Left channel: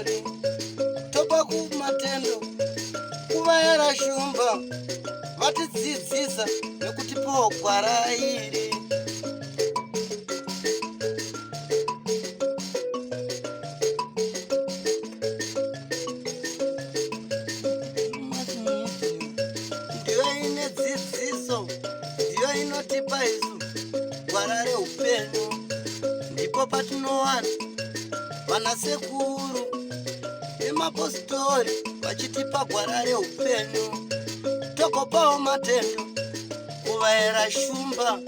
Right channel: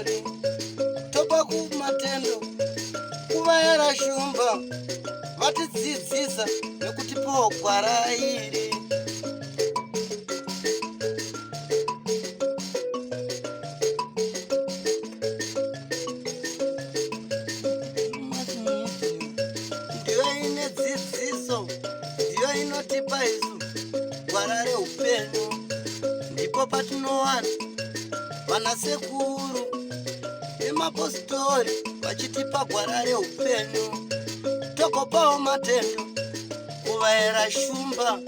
pastori tobva kumatendo kuvayera shumba vatidzidzisa nekutipawo gwara iri. Ndiyo ine dzidziso, ndiyo inotipa isu gwara reupenyu. Ndipo patinowana vanasekuru nemapostori vachitipa gwara reupenyu. Togopawo matendo kuvayera shumba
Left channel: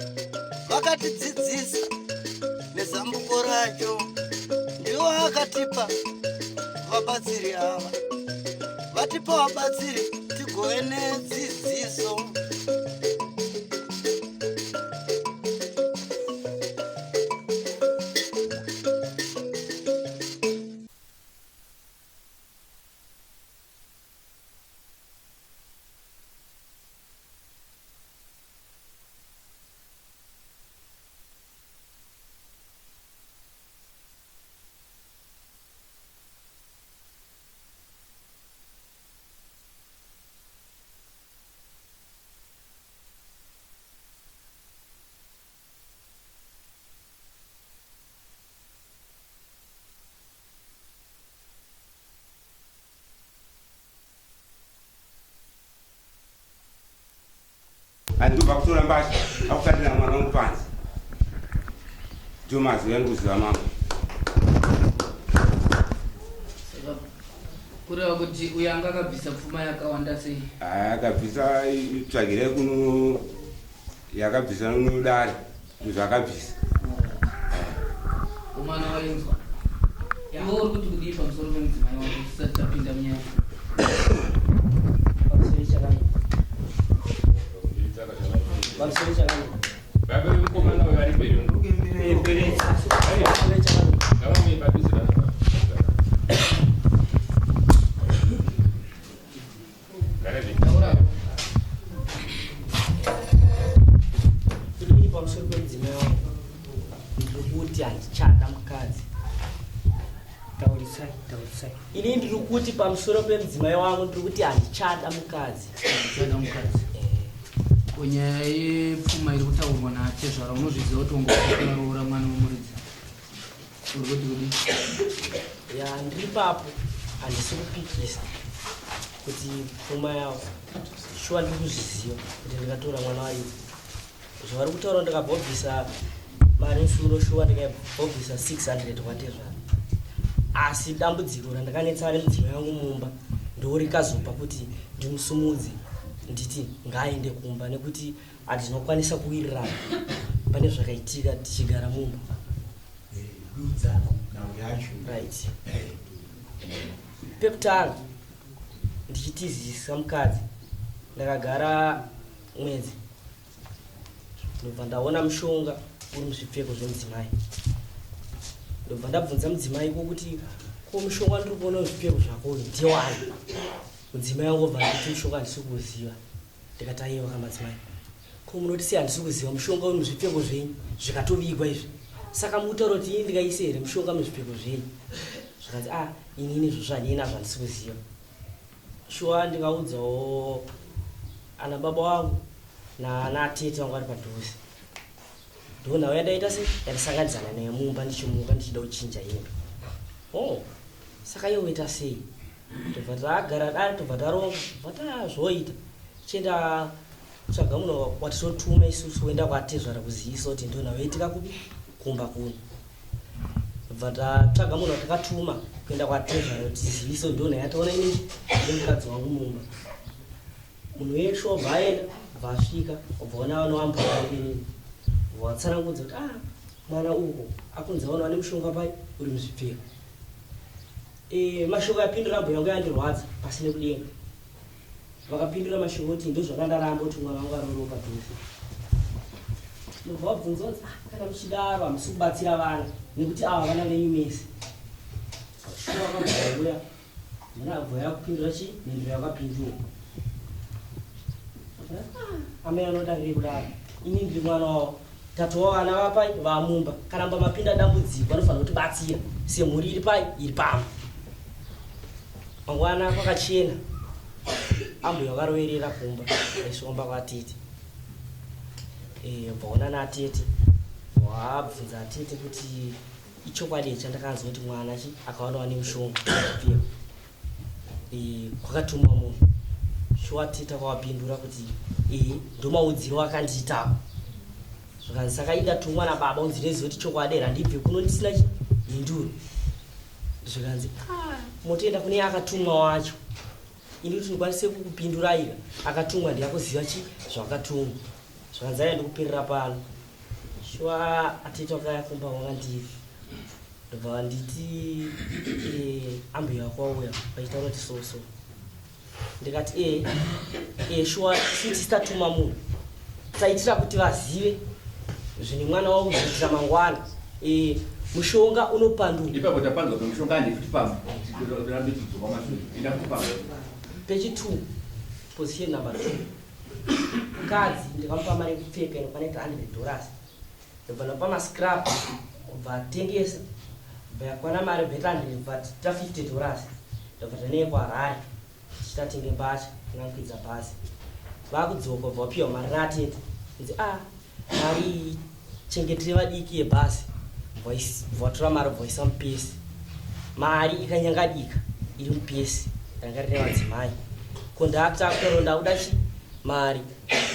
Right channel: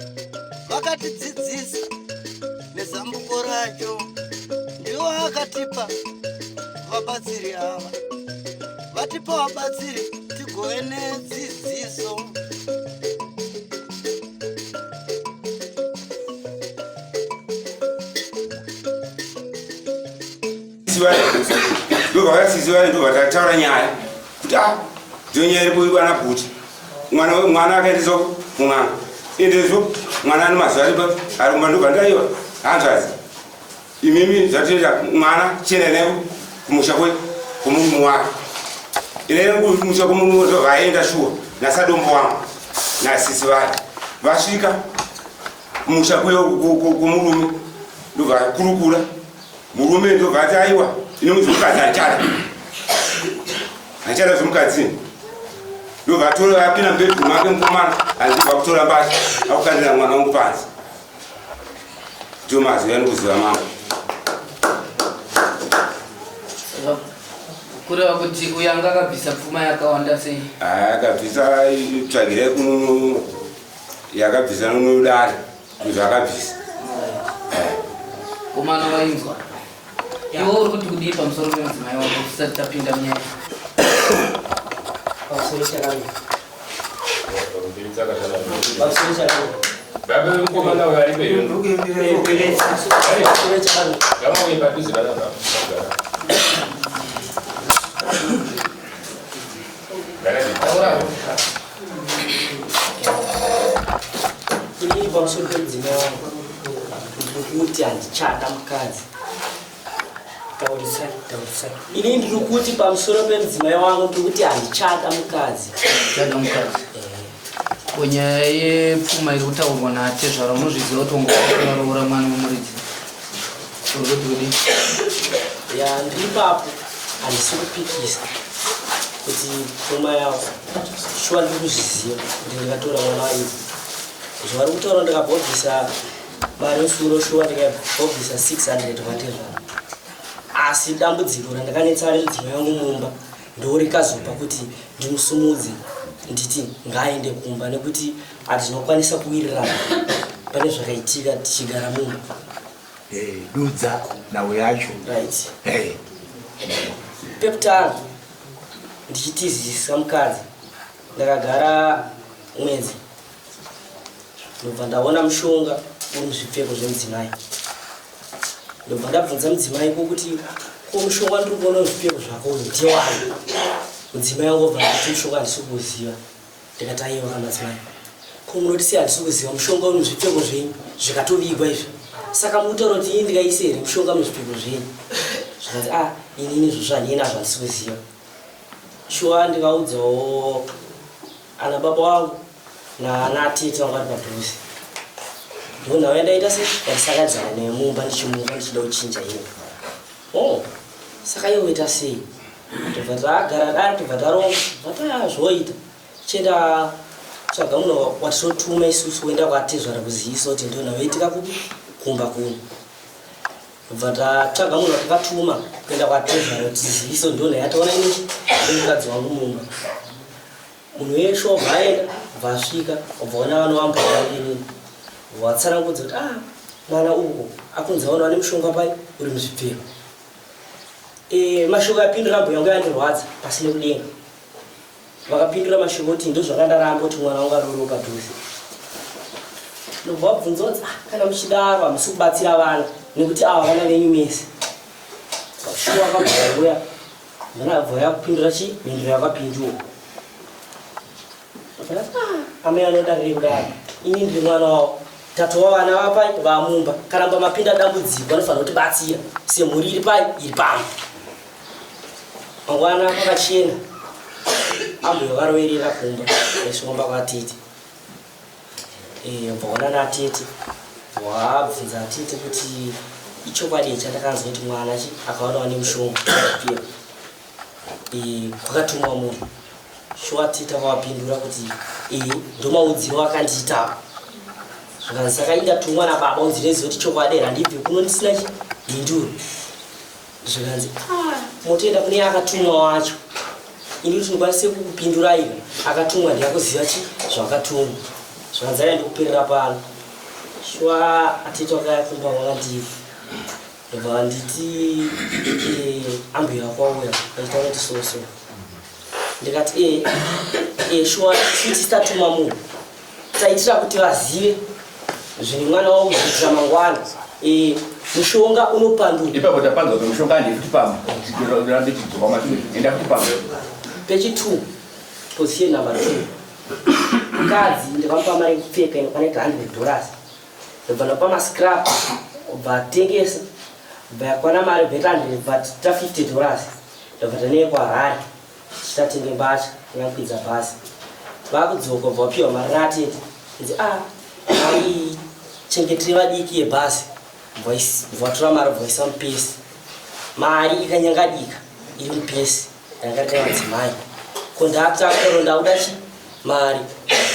vakatidzidzisa nezambuko racho. Ndivo vakatipa vabatsiri ava, vatipa vabatsiri tigove nedzidziso. ndovakasiziva ndovataura nyaya kuti dzonyeri kuibana kuti mwana akaendeswa kumwana endeso mwana ane mazuva ari kumba ndobva ndaiwa hanzvazi imimi zvatoita mwana chenene kumusha kwemunhu wake ine kumusha kwemunhu ndovaenda shuwa nasadombo wangu nasisi vari vasvika kumusha kwemurume ndobva kurukura murume ndobva ati aiwa ine muzvomukadzi achada zvomukadzini ndobva atora apinda mbedhu make mukomana andibva kutora mbasha akukandira mwana wangu panzi. Ndimaziva ndikuziva mangu kureva kuti uyo anga akabvisa pfuma yakawanda sei? Akabvisa tsvagire yakabvisa nodare zvakabvisa. Komana wainzwa iwe uri kuti kudii pamusoro pemudzimai wako tisati tapinda munyaya? Baba mukomana uri peyo ini pamusoro pedzimai wangu ndikuti handichada mukadzi. Taurisai. Ini ndiri kuti pamusoro pedzimai wangu ndikuti handichada mukadzi. Chada mukadzi. Kunyaya yepfuma iri kutaurwa naTezvara unozviziva kuti ungaroora mwana wemuridzi uri kuti kudii? Ndiri papo handisi kupikisa kuti pfuma yavo shuwa ndiri kuzviziva kuti ndikatora mwana waivo zvavari kutaura ndikabhobvisa mari suro shuwa ndikabhobvisa 600 kwaTezvara. Asi dambudziko randakanetsa ari mudzimai wangu mumba ndourikazopa kuti ndimusumudze nditi ngaaende kumba nekuti hatinokwanisa kuwirirana pane zvakaitika tichigara mumba. Dudza nawe yacho. Right. Pekutanga ndichitizisa mukadzi ndakagara mwedzi ndobva ndaona mushonga uri muzvipfeko zvemudzimai. Ndobva ndabvunza mudzimai kuti ko mushonga ndiri kuona muzvipfeko zvako uyu ndewani? Mudzimai wangu obva nditi mushonga handisi kuuziva. Ndikati aiwa madzimai, ko munoti sei handisi kuziva mushonga uri muzvipfeko zvenyu zvikatobikwa izvi? Saka mutaura kuti ini ndikaise here mushonga muzvipfeko zvenyu? Zvikati inini zvozvo handinazvo handisi kuziva. Shuwa ndikaudzawo ana baba wangu naana atete wangu ari padhuze. Ndonhau yandaita sei yandisakadzana nemumba ndichimuka ndichida kuchinja ino. Saka iwe uita sei? Tobva tagara dare tobva taronga vata zvoita tichienda tsvaga munhu watinotuma isusu woenda kwaTezvara kuzivisa kuti ndonhau yaitika kumba kuno. Tobva tatsvaga munhu watakatuma kuenda kwaTezvara kuti tizivise kuti ndonhau yataona ini nemukadzi wangu mumba. Munhu weshe wabva aenda bva asvika wabva ona vanhu vamboainini watsanangudza kuti mwana uko akunzi aona ane mushonga pai uri muzvipfeko. Mashoko apindura mbo yangu yandirwadza pasine kudenga. Vakapindura mashoko kuti ndozvakandaramba kuti mwana wangu aroro padhuze. Ndobva wabvunza kuti kana muchidaro hamisi kubatsira vana nekuti ava vana venyu mese. Shuwa akabvauya ndinabva yakupindura mhinduro yakapindura. Amai anodarire kudaro ini ndiri mwana wavo tatova vana vapai vamumba karamba mapinda dambudziko anofanira kutibatsira semhuri iri pai iri pamwe. mangwana pakachena ambuya varoverera kumba aisvomba kwatete vaona natete wabvunza atete kuti ichokwadi chandakanzwa kuti mwana akaonawo nemushonga kwakatumwa munhu shuwa tete akavapindura kuti ndomaudziro akandiita zvikanzi saka indatumwa nababa unzireziva kuti chokwadi handibve kuno ndisina hinduro zvikanzi motoenda kune akatumwa wacho ini kuti ndikwanise kukupindura iva akatumwa ndiyakuziva zvakatumwa zvikanzi aenda kuperera pano shuwa atete wakayakumba wakandiva ndobva nditi ambuya kwauya aitaura kuti soso ndikati shuwa titatuma munhu taitira kuti vazive zvine mwana wavo kuzoitira mangwana mushonga unopandura ipapo tapanzwa kuti mushonga handifuti pamwe rambe tidzoka mashure enda kuti pamwe pechi 2 position number 2 mukadzi ndikamupa mari yekupfeka inokwaneka $100 ndobva ndapa mascrap obva atengesa obva yakwana mari bheta 100 obva tita $50 ndobva taneye kwaHarare tichitatenge mbatya inyakwidza bhasi vakudzoka obva wapiwa mari natete nzi mai chengetere vadiki yebhasi vatora mari bvaisa mupesi mari ikanyangadika iri mupesi yangarita madzimai kondaktakoronda kuda mari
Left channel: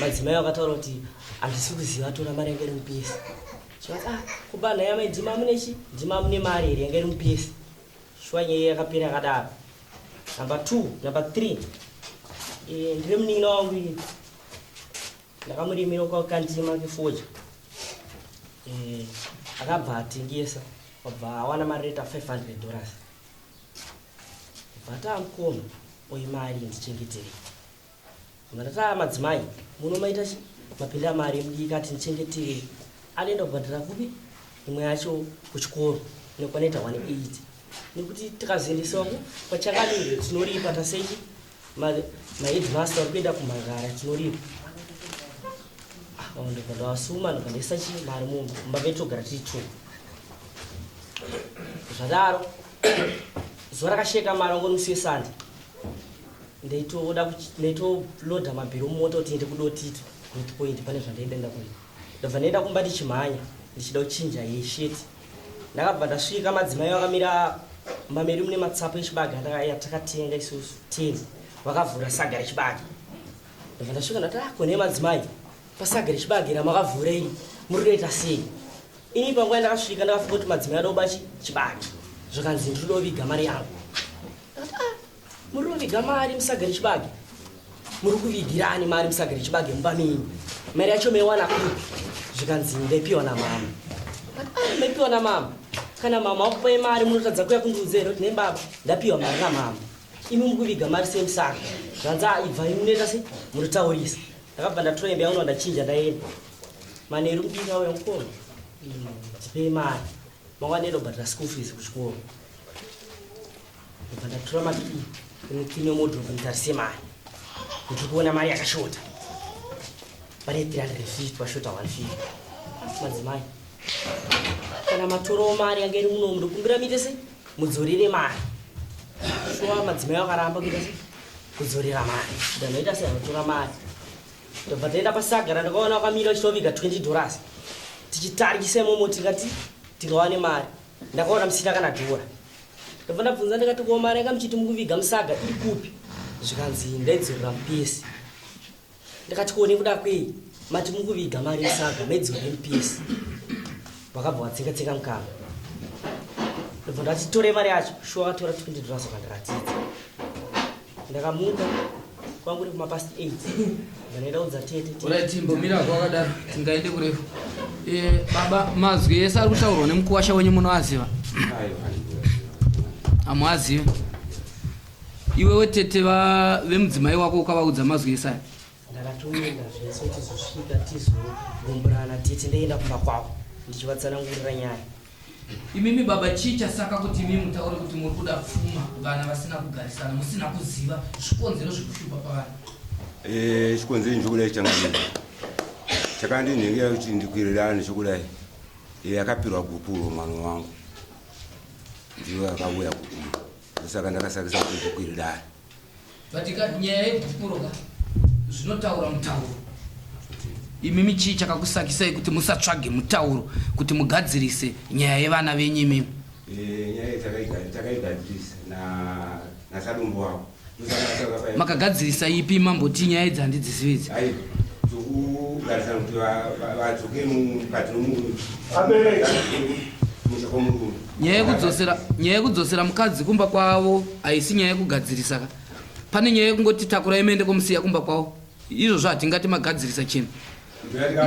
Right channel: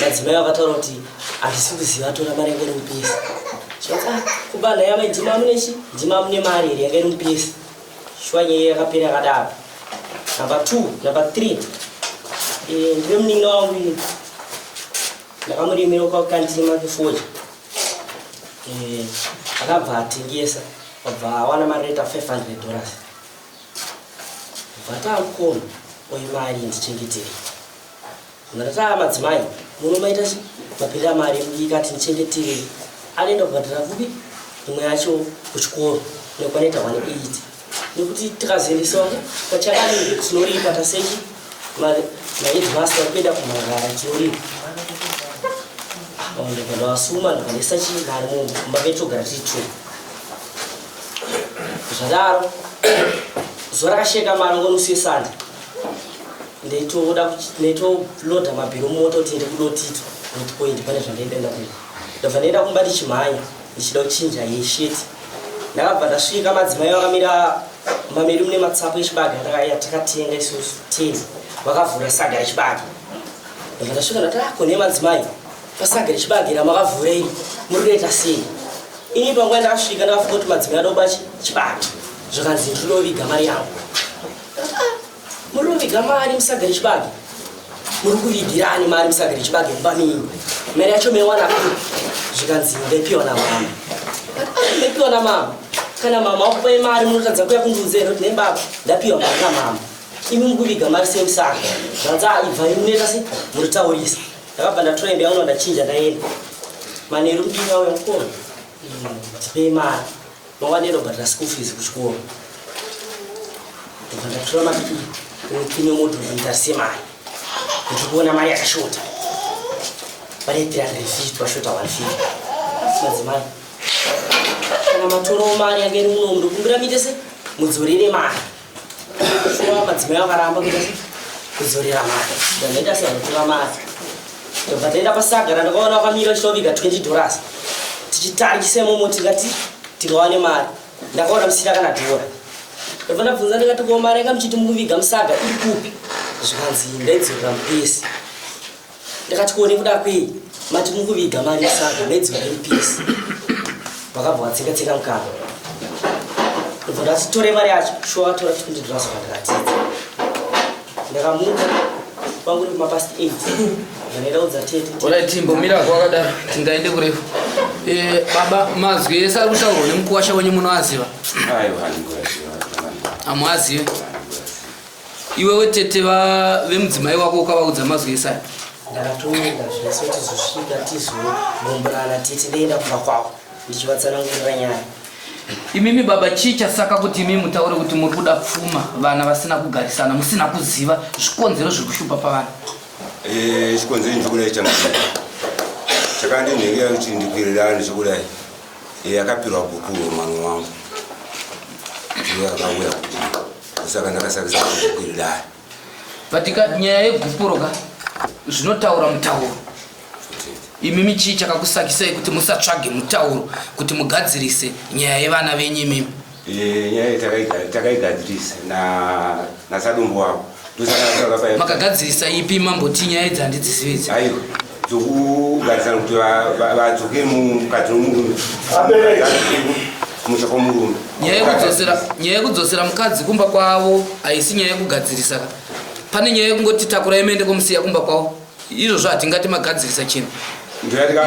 madzimai vakataura kuti handisi kuziva tora mari yanga iri mupesi kubana yamai ndima mune mari here yanga iri mupesi shuwa nyaya yakapera yakadaro number 2 number 3 ndive munin'ina wangu ini ndakamurimira kwakandima kefoja akabva atengesa abva awana mari reta $500 vatamukona oyi mari ndichengetere ndataa madzimai munomaita mapinda mari mudikati ndichengetere anoenda kubhadhara kubi imwe yacho kuchikoro nokwaneta 180 nekuti tikazoendesawo pachanganenge tinoripa tasechi maheadmaster kuenda kumagara tinoripa ndikandawasuma ndikanesa mari mumba vetogara tiri 2 zvadaro zuva rakasheka mari ngonusiye sanda ndeitolodha mabhiro mumoto kuti ndekudotito nditipoindi pane zvandaendaenda kuita ndobva ndaenda kumba ndichimhanya ndichida kuchinja yesheti ndakabva ndasvika madzimai vakamira mameri mune matsapo echibage yatakatenga isusu 10 vakavhura saga rechibage ndobva ndasvika ndati kone madzimai pasaga rechibage ramakavhura iri muri kuita sei ini panguva ndakasvika ndakafunga kuti madzimai adoba chibage zvikanzi ndinoviga mari yangu muri kuviga mari musaga rechibage muri kuvigirani mari musaga rechibage mubamini mari yacho meiwana kupi zvikanzi ndaipiwa namama ndaipiwa namama kana mama wakupai mari munotadza kuya kundiudzera kuti nebaba ndapiwa mari namama imi mukuviga mari semusaga zvanzi ibva imunoita se munotaurisa ndakabva ndatora imba yangu ndachinja ndaenda manheru mudiki auya mukona ndipei mari mangwana ndaenda kubhadhara school fees kuchikoro ndobva ndatora madiki nepine modhoro nditarise mari ndiri kuona mari yakashota pane 350 pashota 150 madzimai kana matorowo mari yange iri muno ndikumbira muite se mudzorere mari shuwa madzimai vakaramba kuita se kudzorera mari ndandaita se vanotora mari ndobva ndaenda pasagara ndakaona vakamira vachitoviga $20 tichitarikise momo tikati tikawane mari ndakaona musina kana $1 ndobva ndabvunza ndikati ko mari yanga muchiti mukuviga musaga iri kupi zvikanzi ndaidzorera mupesi ndakati kuone kuda kwei mati mukuviga mari musaga ndaidzorera mupesi vakabva vatsenga mukana ndobva ndati tore mari yacho shuwa vatora $20 vakandikatidza ndakamuka pangu uri kumapast 8 ndanoenda kudza tete ola timbomira kwakadaro tingaende kurefu baba mazwi ese ari kutaurwa nemukuwasha wenyu munoaziva amuazive iwewe tete vemudzimai wako ukavaudza mazwi ese aya ndakatoenda zvese tizosvika tizogomborana tete ndeenda kumba kwavo ndichivatsanangurira nyaya imimi baba chii chasaka kuti imi mutaure kuti muri kuda pfuma vana vasina kugarisana musina kuziva zvikonzero zviri kushupa pavana chikonzero ndikudai chakandinhengera kuti ndikwirirane chokudai akapirwa bhukuro mwana wangu ndiyo akauya saka ndakasakisa kukwirira patika nyaya yeguporoka zvinotaura mutauro imimi chii chakakusakisai kuti musatsvage mutauro kuti mugadzirise nyaya yevana venyu imimi? nyaya takaigadzirisa nasadumbu wavo makagadzirisa ipi mamboti nyaya idzi handidzizividzi? aiwa tokugarisana kuti vadzoke mukati nomurume musha kwomurume. nyaya yekudzosera mukadzi kumba kwavo haisi nyaya yekugadzirisa. Pane nyaya yekungoti takura imende kumusiya kumba kwavo, izvozvo hatingati magadzirisa chinhu.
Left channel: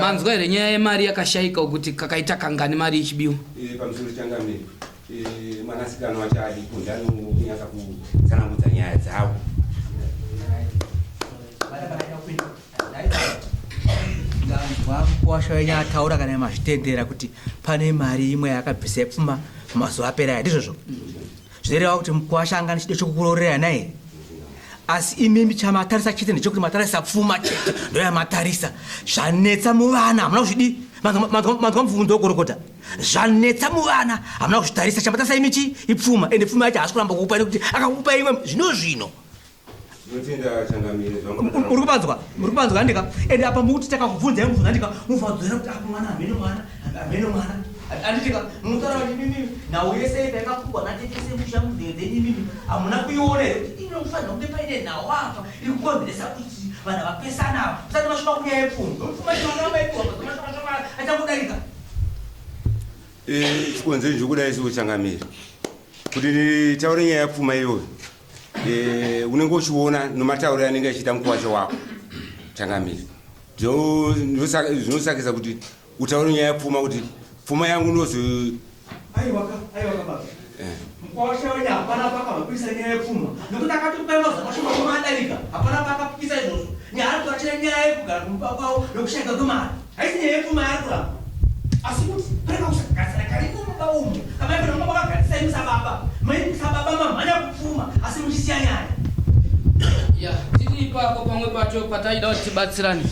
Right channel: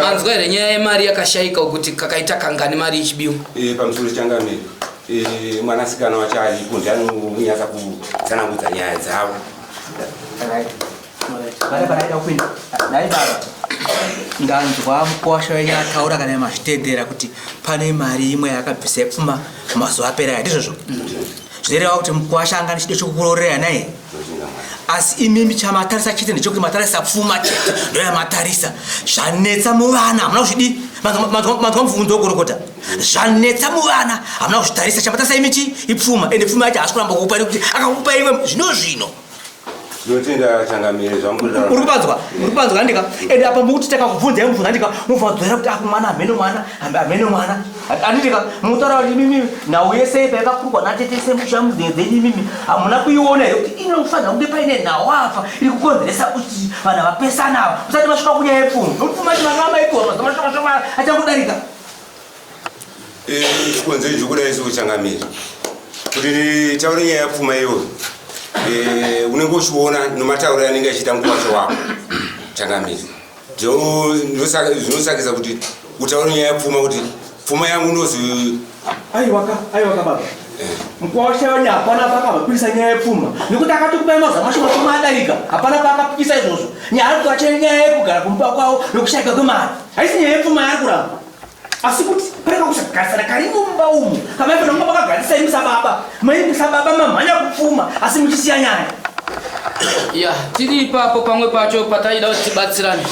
Manzwa here nyaya yemari yakashayika kuti kakaita kangani mari ichibiwa? Pamusoro changamiri mwanasikana wacho arikunzi anonyasa kutsanangudza nyaya dzavo. ndanzwa mukwasha wenyu ataura kana mazvitendera kuti pane mari imwe yakabvisa pfuma mazuva apera ndizvozvo zvinoreva kuti mukwasha anga nechide chokukurorera naye. Asi imimi chamatarisa chete ndechokuti matarisa pfuma chete ndoyamatarisa. Zvanetsa muvana hamuna kuzvidi manzwa mubvunzo wokurokota. Zvanetsa muvana hamuna kuzvitarisa chamatarisa imichi ipfuma ende pfuma yacho haasi kuramba kukupai nekuti akakupai imwe zvino. Ndinotenda changamire zvamurikutaura. Uripanzwa ndika ende apa mukuti takakubvunza mubvunza ndika mubvunza kuti akumwana ameno mwana andika mutaura kuti mimi nhau yese payakakurwa natetese mushamudzenyu mimi hamuna kuiona here kuti inofanira kunge paine nhau apa iri kukonzeresa kuti vanhu vapesana usati vasvika kunyaya yepfuma pfuma chivanamaipoma achangodarika chikonzero chokudai sekuchangamire kuti taure nyaya yapfuma iyoyo unenge uchiona nomatauro anenge achiita mukwasha wako changamiri zvinosakisa kuti utaure nyaya yapfuma kuti pfuma yangu nozi aiwaka baba mukwasha wenyu hapana pakavapikisa nyaya yepfuma nekuti akatokupai mazuva mashoma pfuma adarika hapana paakapikisa izvozvo nyaya ari kuvacha nyaya yekugara kumba kwavo nokushayika kwemari haisi nyaya yepfuma yaari kuramba asi kuti pareka kusagarisana kari mumba umu kamaifana kunga pakagarisai musababa musababa mamhanya kupfuma asi muchisiya nyaya. Ya tiri ipapo pamwe pacho pataida kuti tibatsirane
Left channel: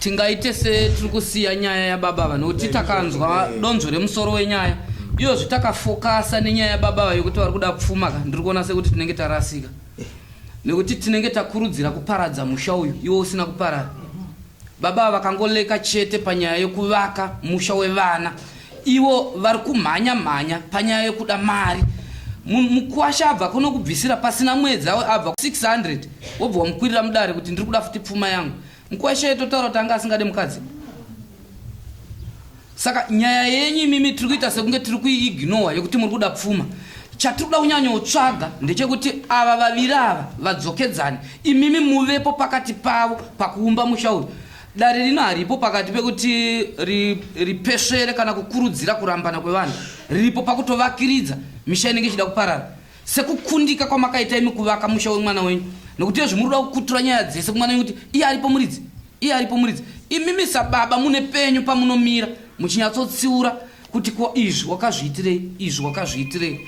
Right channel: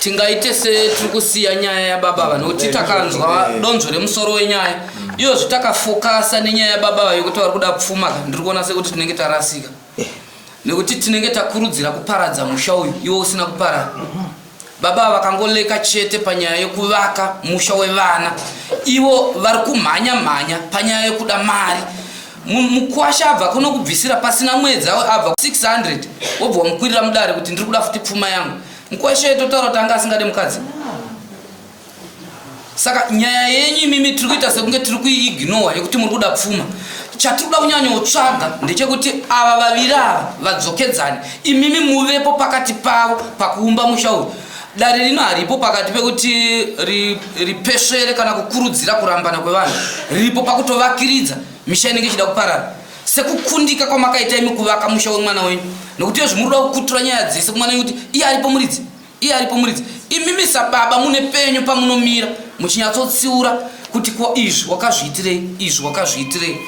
tingaite setiri kusiya nyaya yababa nokuti takanzwa donzvo remusoro wenyaya iyo zvitakafokasa nenyaya yababa yokuti vari kuda kupfuma ndiri kuona sekuti tinenge tarasika nekuti tinenge takurudzira kuparadza musha uyu iwo usina kuparara. Baba vakangoleka chete panyaya yekuvaka musha wevana ivo vari kumhanya panyaya yekuda mari. Mukwasha abva kuno kubvisira pasina mwedzi abva 600 wobva wamukwirira mudare kuti ndiri kuda futi pfuma yangu. Mukwasha totaura kuti anga asingade mukadzi. Saka nyaya yenyu imimi tiri kuita sekunge tiri kuiignora yekuti muri kuda pfuma. Chatiri kuda kunyanyotsvaga ndechekuti ava vaviri ava vadzokedzane imimi muvepo pakati pavo pakuumba musha uyu. Dare rino haripo pakati pekuti ripeshere kana kukurudzira kurambana kwevanhu riripo pakutovakiridza misha inenge ichida kuparara sekukundika kwamakaita imi kuvaka musha wemwana wenyu nokuti iyo zvimuri kuda kukutura nyaya dzese kumwana wenyu kuti iye aripo muridzi imimi sababa mune penyu pamunomira muchinyatsotsiura kuti ko izvi wakazviitirei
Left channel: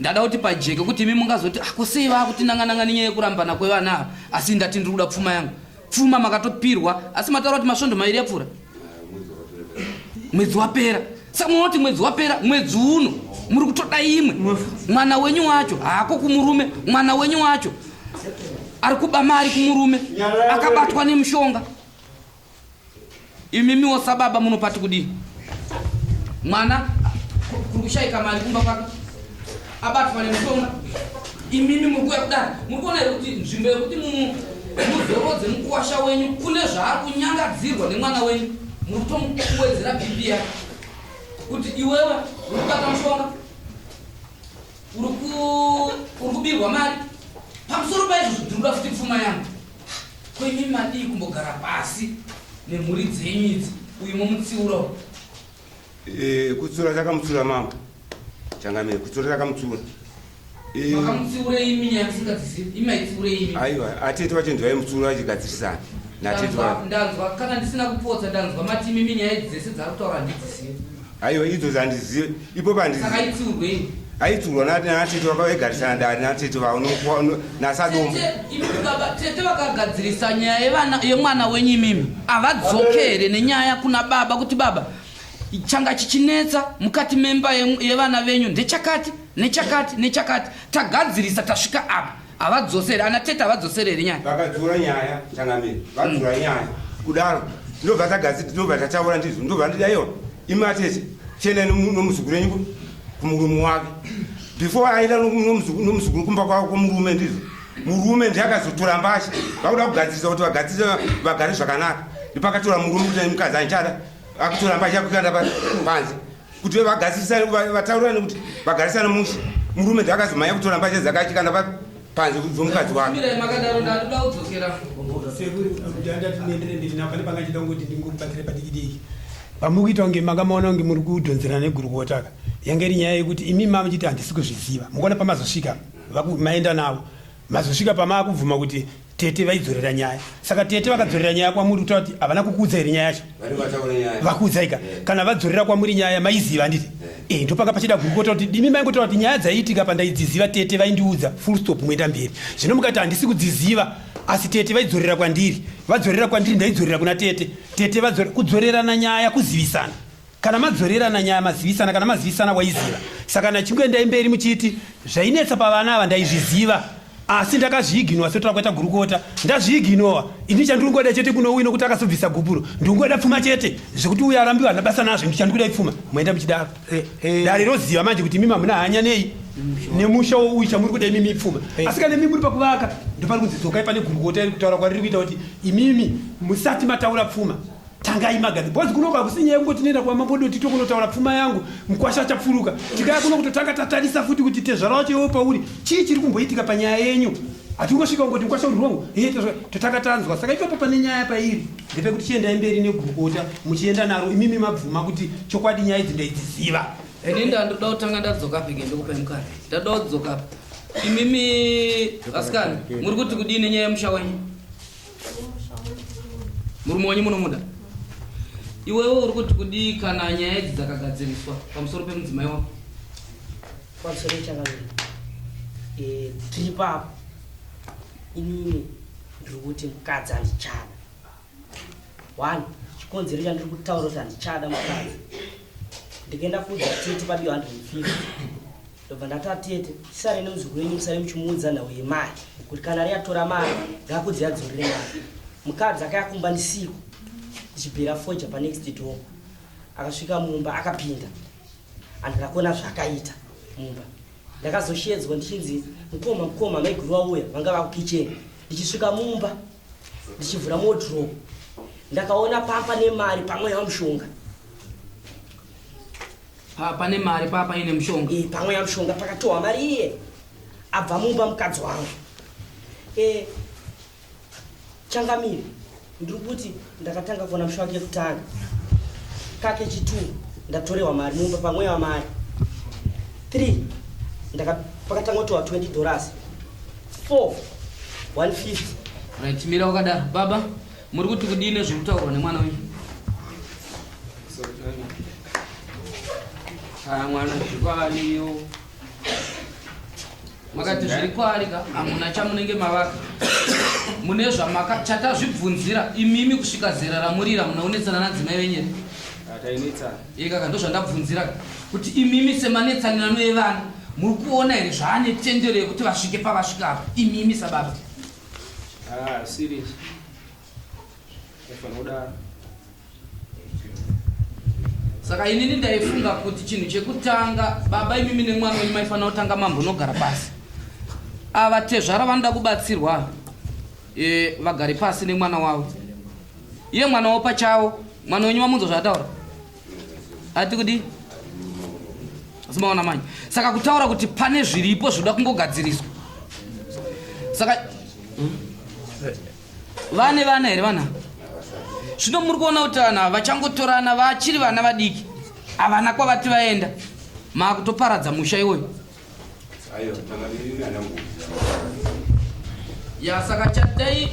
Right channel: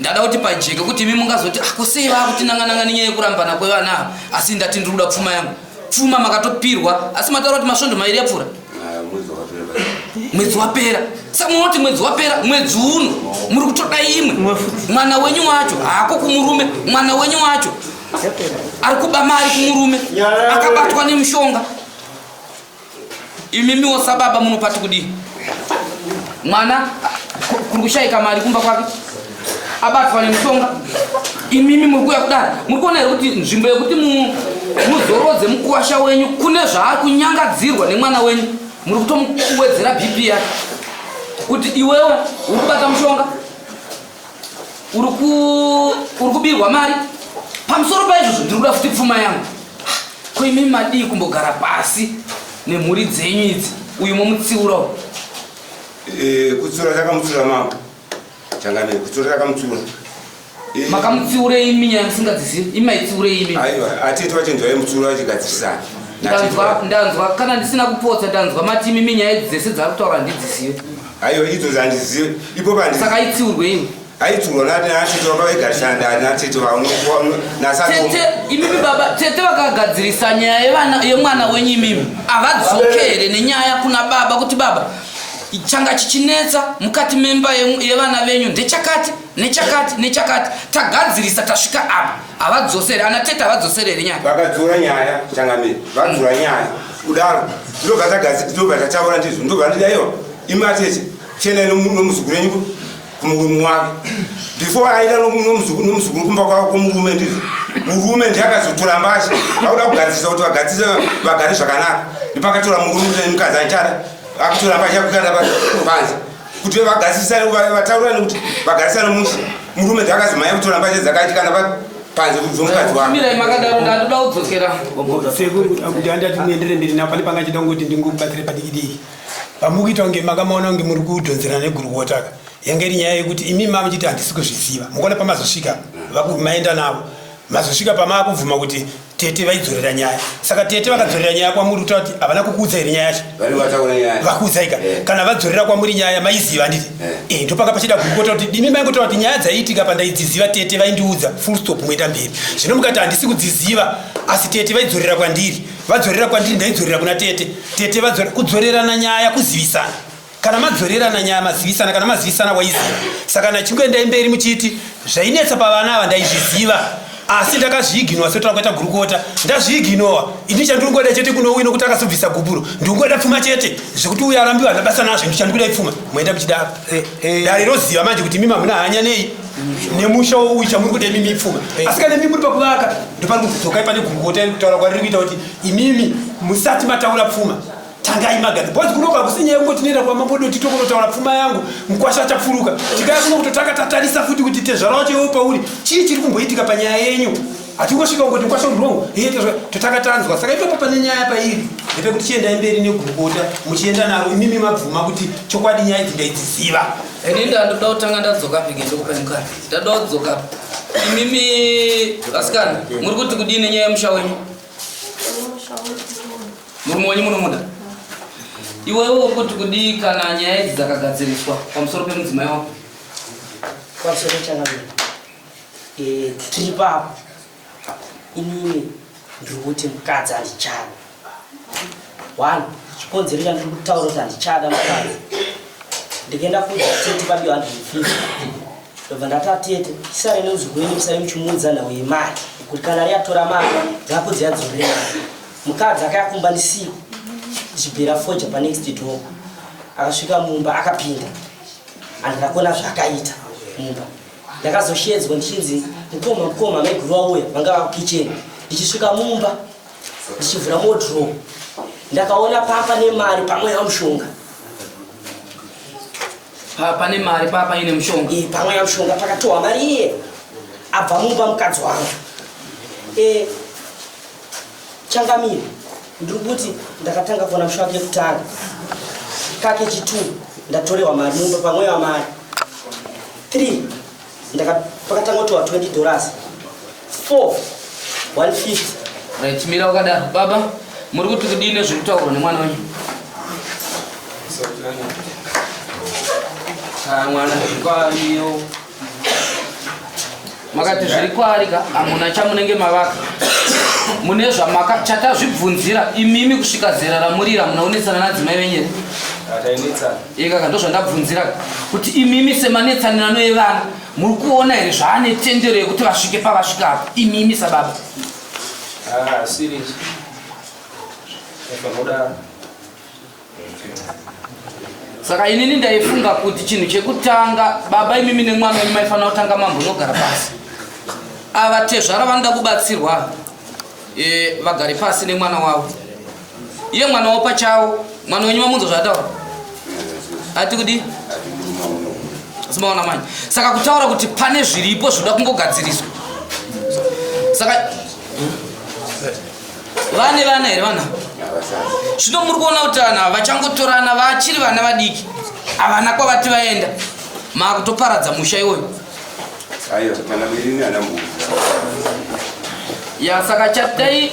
ndada kuti pajeke kuti imi mungazoti akosei vakuti nanga nenyaya yekurambana kwevana asi ndati ndiri kuda pfuma yangu. Pfuma makatopirwa asi mataura kuti masvondo mairi yapfuura mwedzi wapera. Saka munoti mwedzi wapera mwedzi uno muri kutoda imwe mwana wenyu wacho haako kumurume mwana wenyu wacho ari kuba mari kumurume akabatwa nemushonga. Imimiwo sababa munopati kudii mwana kuri kushayika mari kumba kwake abatwa nemushonga imimi muri kuya kudara muri kuona here kuti nzvimbo yekuti muzorodze mukwasha wenyu kune zvaari kunyangadzirwa nemwana wenyu muri kutomuwedzera bp yake kuti iwewe uri kubata mushonga uri kubirwa mari pamusoro paizvozvo ndiri kuda futi pfuma yangu. Ko imimi madii kumbogara pasi nemhuri dzenyu idzi uyu momutsiurawo? Kutsiura takamutsiura mama changamire kutsiura takamutsiura. Makamutsiurei imi nyaya musingadzizivi imaitsiurei imi? Aiwa atete wacho ndivaimutsiura vachigadzirisana. Ndanzwa kana ndisina kupotsa ndanzwa mati imimi nyaya dzese dzari kutaura handidzizivi. Aiwa idzodzo handizivi ipo pandii. Saka itsiurwe iwe? Aitsiurwa natete vakavaigarisana natete tete imimi baba tete vakagadzirisa nyaya yemwana wenyu imimi avadzoke here nenyaya kuna baba kuti baba changa chichinetsa mukati memba yevana venyu ndechakati nechakati tagadzirisa tasvika apa avadzosere anatete avadzosereri nyaya vakadzura nyaya changamiri vadzura nyaya kudaro ndobva tataura ndizvo ndobva ndidaiwa imatete chiendai nomuzukuru wenyu kumurume wake before aenda nomuzukuru kumba kwavo kwomurume ndizvo murume ndiakazotora mbasha vakuda kugadzirisa kuti vagadzise vagare zvakanaka ndipakatora murume kuti mukadzi anchada akutora mbasha kukanda panze kuti vataurani kuti vagarisane musha murume ndiakazomhanya kutora mbasha dzakatikanda panze kuti zvomukadzi wake mirai makadaro ndadoda kudzokera kuti andati muendere mberi napo pane pangachida ngoti ndingokubatsire padikidiki pamukuita kunge makamaona kunge muri kudhonzerana negurukotaka yange iri nyaya yekuti imi mamuchiti handisi kuzviziva mungona pamazosvika maenda navo mazosvika pamakubvuma kuti tete vaidzorera nyaya saka tete vakadzorera nyaya kwamuri kutaura kuti havana kukuudza here nyaya yacho vakuudzaika kana vadzorera kwamuri nyaya maiziva handiti ndopaka pachida gurukota kuti imi maingotaura kuti nyaya dzaiitika pandaidziziva tete vaindiudza full stop moenda mberi zvino mukati handisi kudziziva asi tete vaidzorera kwandiri vadzorera kwandiri ndaidzorera kuna tete kudzorerana nyaya kuzivisana kana madzorerana nyaya mazivisana kana mazivisana waiziva saka nachingoendai mberi muchiti zvainetsa pavana ava ndaizviziva asi ndakazviiginowa sotora kuita gurukota ndazviiginowa ini chandingoda chete kuno uino kuti akazobvisa gubhuro ndingoda pfuma chete zvekuti uyo arambiwa nabasa nazvo ndichandikuda pfuma moenda muchidaro dare roziva manje kuti mimi hamuna hanya nei nemusha uyu chamuri kuda imimi pfuma asi kana mimi muri pakuvaka ndopari kuzidzokai pane gurukota kutaura kwariri kuita kuti imimi musati mataura pfuma tangai magana bhozi kunoka kusinyaya kungoti nenda kwa mambodoti tokunotaura pfuma yangu mukwasha chafuruka tikaya kuno kutotaka tatarisa futi kuti tezvarawo chewo pauri chii chiri kumboitika panyaya yenyu hatingosvika kungoti mukwasha urongo totaka tanzwa saka ipapo pane nyaya pairi ndepekuti chiendai mberi negurukota muchienda naro imimi mabvuma kuti chokwadi nyaya idzi ndaidziziva ini ndandoda kutanga ndadzoka pike ndokupai mukadzi ndatoda kudzoka imimi vasikana muri kuti kudini nyaya yemusha wenyu murume wenyu munomuda iwewe uri kuti kudii kana nyaya idzi dzakagadziriswa pamusoro pemudzimai wako pamusoro changamira tiri papo inini ndiri kuti mukadzi handichada 1 chikonzero chandiri kutaura kuti handichada mukadzi ndikaenda kudza tete padiwa 150 ndobva ndatatete tisare neuzukuru wenyu musare muchimuudza nhau yemari kuti kana riyatora mari dzakudzi yadzorere mari mukadzi akayakumba ndisiku ndichibhera foja panext door akasvika mumba akapinda andakakona zvakaita mumba ndakazoshedzwa ndichinzi mukoma maiguru wauya vanga vakukicheni ndichisvika mumba ndichivhura modro ndakaona papa nemari pamwe yamushonga pane mari papa ine mushonga pamwe yamushonga pakatohwa mari iye abva mumba mukadzi wangu changamire ndiri kuti ndakatanga kuona musha wake kutanga kake chituru ndatorewa mari mumba pamwe wa mari 3 pakatanga kutowa $20 4 150 right mira wakadaro baba muri kuti kudini zvekutaurwa nemwana wenyu mwana zvikwariyo makati zviri kwarika hamuna chamunenge mavaka mune chatazvibvunzira imimi kusvika zera ramurira munaonetsana nadzimai venyere ikaka ndozvandabvunzira kuti imimi semanetsanirano evana muri kuona here zvaane tendero yekuti vasvike pavasvika apa imimi sababa saka inini ndaifunga kuti chinhu chekutanga baba imimi nemwana wenyu maifanira kutanga mambonogara pasi ava tezvara vanoda kubatsirwa vagari pasi nemwana wavo iye mwana wavo pachavo mwana wenyu mamunzwa zvataura ati kudi simaona manje saka kutaura kuti pane zviripo zvoda kungogadziriswa saka vane vana here vana zvino muri kuona kuti vana vachangotorana vachiri vana vadiki havana kwavati vaenda maakutoparadza musha iwoyo ya saka chatai